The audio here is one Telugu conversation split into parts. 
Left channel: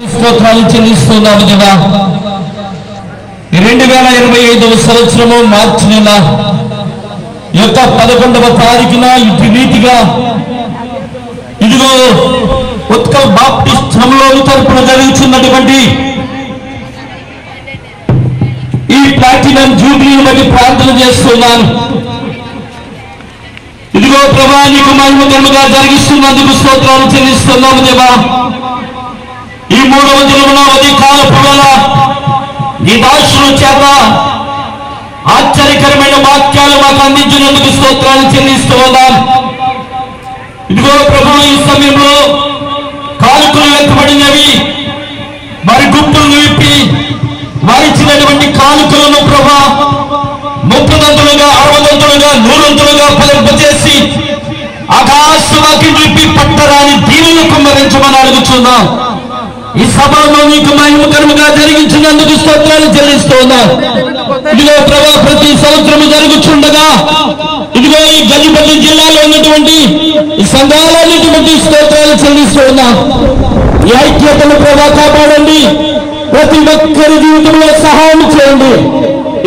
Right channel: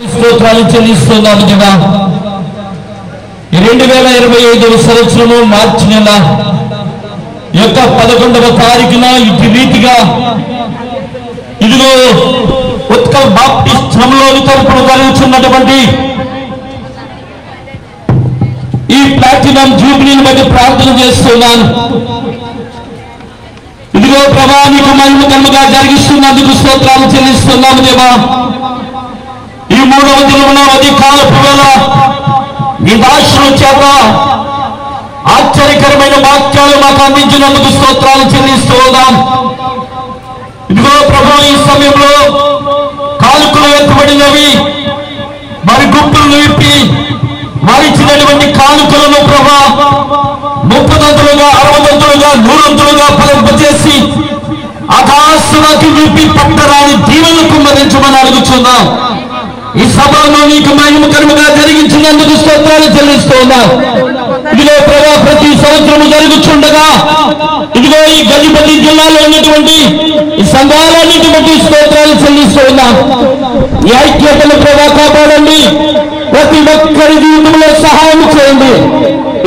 స్తోత్రాలు చెల్లిస్తున్నాము దేవా. 2025వ సంవత్సరము మార్చి నెల యొక్క 11వ తారీఖున ఇటు రీతిగా ఇదిగో ఉత్కల్ బాప్టిస్ట్ శ్రమలోని తరపున జరుగుతున్నటువంటి ఈ ప్లాటినం జూబ్లీని బట్టి ప్రార్థన చేస్తున్నాను. ఇదిగో ప్రభా నీకు మహిమకరంగా జరిగిస్తున్నందుకు స్తోత్రాలు చెల్లిస్తున్నాము దేవా. ఈ 3వ దినమున ఉదయకాలపు వేళ నీ దాసుల చేత ఆశ్చర్యకరమైన వాక్యాలు మాకు అందించినందుకు స్తోత్రాలు చెల్లిస్తూ ఉన్నాం. ఇదిగో ప్రభు ఈ సమయంలో కాలుకలు ఎత్తబడినవి వారి గుంపులను విప్పి వారిచ్చినటువంటి కానుకలను ప్రభా 30దంతులుగా 60దంతులుగా 100దంతులుగా ఫలింపజేసి ఆకాశవాకి విప్పి పట్టరాని దీవెనలు కుమ్మరించమని అడుగుతున్నాం. ఈ సభను నీకు మహిమకరముగా జరిగించినందుకు స్తోత్రాలు చెల్లిస్తూ ఉన్నాం. ఇదిగో ప్రభా ప్రతి సంవత్సరం జరుగుతుండగా ఇదిగో ఈ గజపతి జిల్లాలో ఉన్నటువంటి ఈ సంఘాలన్నిటి స్తోత్రాలు చెల్లిస్తూ ఉన్నాం. ఈ ఐక్యతను ప్రభా కాపాడండి. ప్రతి ఒక్కరి జీవితంలో సహాయం చేయండి.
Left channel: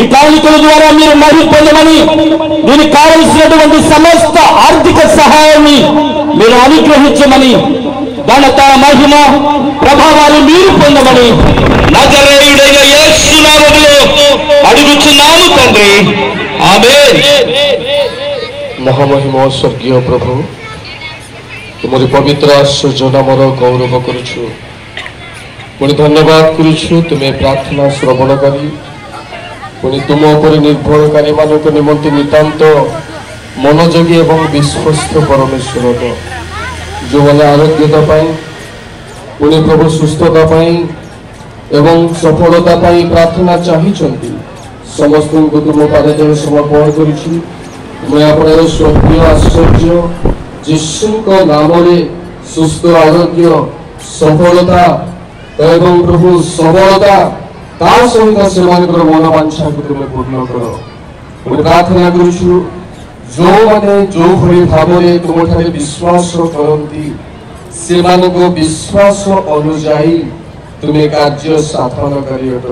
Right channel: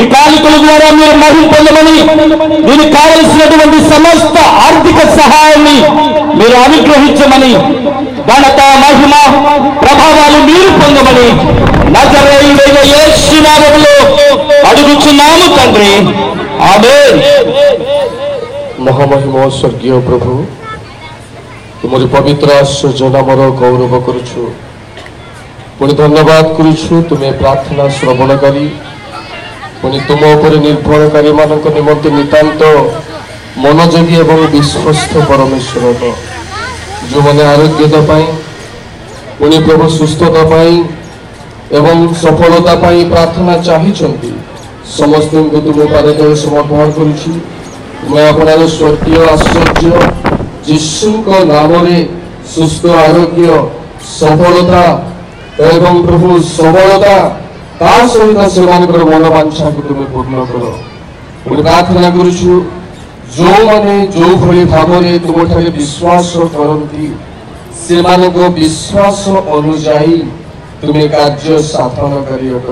ఈ కానుకల ద్వారా మీరు మహిమ పొందమని దీనికి కావలసినటువంటి సమస్త ఆర్థిక సహాయాన్ని మీరు అనుగ్రహించమని ఘనత మహిమ ప్రభావాలు మీరు పొందమని నజరేయుడైన యేసు నామములో అడుగుచున్నాము తండ్రి, ఆమేన్. ମହାମହିମ ସ୍ୱର୍ଗୀୟ ପ୍ରଭୁ, ତୁମରି ପବିତ୍ର ଆଶ୍ଚର୍ଯ୍ୟ ନାମର ଗୌରବ କରୁଛୁ, ପୁଣି ଧନ୍ୟବାଦ କରୁଛୁ। ତୁମେ ପ୍ରାର୍ଥନା ଶ୍ରବଣ କରି ପୁଣି ତୁମ ଉପରେ ନିର୍ଭରକାରୀମାନଙ୍କ ନିମନ୍ତେ ନିତାନ୍ତ ମନୋଯୋଗୀ ଏବଂ ବିଶ୍ୱସ୍ତ ପରମେଶ୍ୱର, ଯେଉଁମାନେ ଆରୋଗ୍ୟତା ପାଇଁ ପୁଣି ପ୍ରଭୁ ସୁସ୍ଥତା ପାଇଁ ଏବଂ ସଫଳତା ପାଇଁ ପ୍ରାର୍ଥନା ଚାହିଁଛନ୍ତି, ସମସ୍ତଙ୍କୁ ତୁମ ପାଦତଳେ ସମର୍ପଣ କରୁଛି। ତୁମେ ଆପଣାର ସ୍ୱର୍ଗୀୟ ଆଶ୍ଚର୍ଯ୍ୟ ଯୀଶୁଙ୍କ ନାମରେ ସୁସ୍ଥ ଆରୋଗ୍ୟ ସଫଳତା ଏବଂ ପ୍ରଭୁ ସବଳତା ତା ସହିତ ସେମାନଙ୍କର ମନବାଞ୍ଛାକୁ ତୁମେ ପୂର୍ଣ୍ଣ କର। ଆମେ ପ୍ରାର୍ଥନା କରୁଛୁ, ଯେଉଁମାନେ ଯେଉଁଭଳି ଭାବରେ ତୁମଠାରେ ବିଶ୍ୱାସ କରନ୍ତି ସେମାନଙ୍କ ବିଶ୍ୱାସ ଅନୁଯାୟୀ ତୁମେ କାର୍ଯ୍ୟ ସାଧନକାରୀ ଅଟ।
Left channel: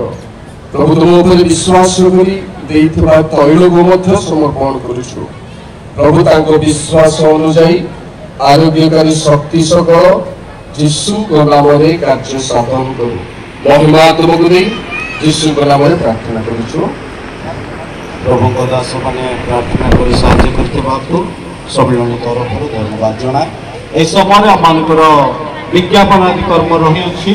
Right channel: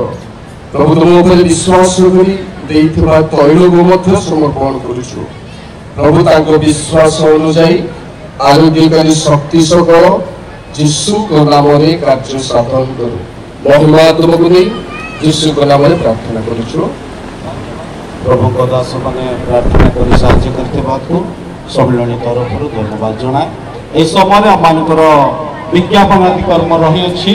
ପ୍ରଭୁ ତୁମ ଉପରେ ବିଶ୍ୱାସ କରି ଦେଇଥିବା ତୈଳକୁ ମଧ୍ୟ ସମର୍ପଣ କରୁଛୁ। ପ୍ରଭୁ ତାଙ୍କ ବିଶ୍ୱାସ ଅନୁଯାୟୀ ଆରୋଗ୍ୟକାରୀ ଶକ୍ତି ସକଳ ଯୀଶୁଙ୍କ ନାମରେ କାର୍ଯ୍ୟ ସାଧନ କରୁ। ମହିମା ତୁମକୁ ଦେଇ ଯୀଶୁଙ୍କ ନାମରେ ପ୍ରାର୍ଥନା କରୁଛୁ। ପ୍ରଭୁଙ୍କ ଦାସମାନେ ପ୍ରାର୍ଥନା କରି ସାହାଯ୍ୟ କରିଥିବାକୁ ସମ୍ମିଳନୀ ତରଫରୁ ଧନ୍ୟବାଦ ଜଣାଏ। ଏ ସମୟରେ ଆମମାନଙ୍କର ବିଜ୍ଞାପନ ଆଦି କର୍ମ ରହିଅଛି।